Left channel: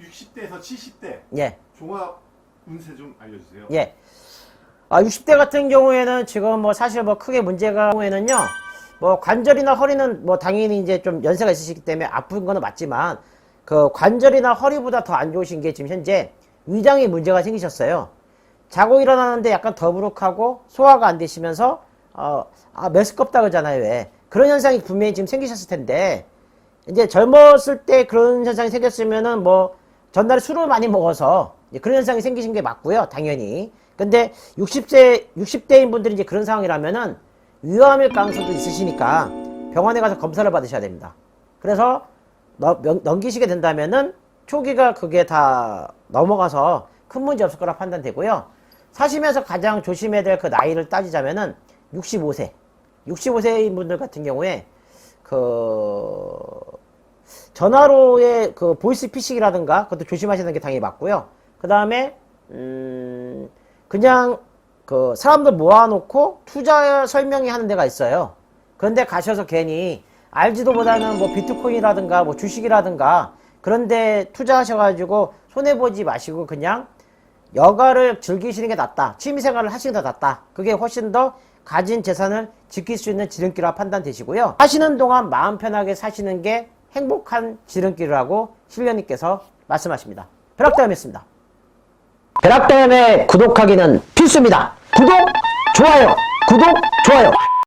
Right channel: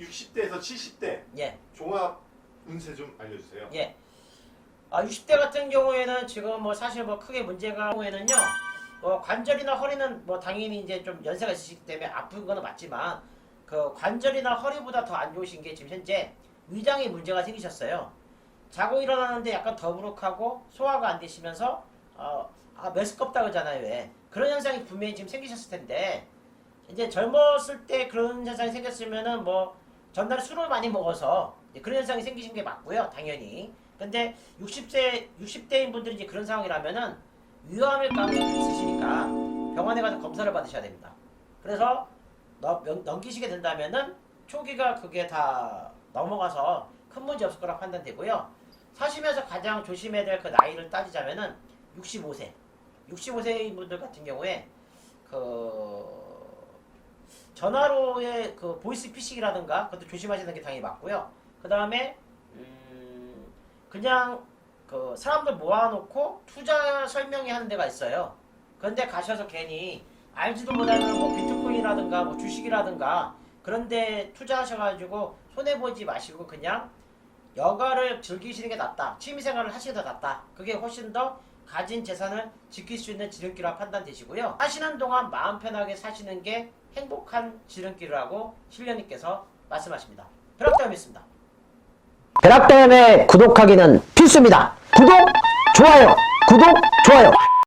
60대에서 70대 예. 종합 운세 좀 알려주세요. 예. 아, 60대 같은 경우에는 지금 뭐 사실 뭐 크게 문제가 경우에는요. 뭐 관절이나 허리는 뭐 당연히 이제 좀 연세가 있으시기 때문에 아픈 거는 맞지만 그 관절이나 허리보다 더 안 좋으신 게 지금 현재 위장에 문제가 생기셨어요. 자고 일어나는데 약간 더부룩하고 소화가 안 되시면서 어, 아, 메스껍다 그러잖아요. 왜? 그런 현상이 분명히 지금 생기셨을 텐데 이제 젊었을 때 그런 현상이 생겼으면은 뭐 전날에 술을 많이 먹어서 그런 현상이 생기신 게 맞고요. 당연히. 근데 60세 60대인 분들이 이제 그런 상황이라면은 위암일 가능성도 있으시니까 병원에 가서 검사를 받으셔야 됩니다. 그래서 넘기시게 된다면은 초기가 그게 다 넘어가서 큰 문제 없을 거라 판단되고요. 사시면서 가장 조심해야 될 그 나이를 따지자면은 65세. 65세인 분들 같은 경우에 그 전화로의 그 보이스 피싱이라든가 그것도 조심하시는 게 당연히 맞고요. 그 다음에 음 그냥 그 사람들 모아놓고 투자 설명이 하는 데가 있어요. 그런데 가셔서 괜히 알지도 못하는 뭐 비트코인이라든가 뭐 주식이라든가 그런데 투자하셔가지고 손해 보지 마시고 그냥 여가를 즐기시는 게 낫다. 취미생활을 하시는 게 낫다. 그게 훨씬 더 가진 재산을 지킬 수 있는 지름길이라 판단되시고요. 하시는 동안 마음 편하게 사시는 게 행복한 지름길이라고 신령님께서 말씀하십니다. 벼락다음이었습니다. 벼락다음에 구독하기는 필수입니다. 구독, 좋아요, 구독, 좋아요.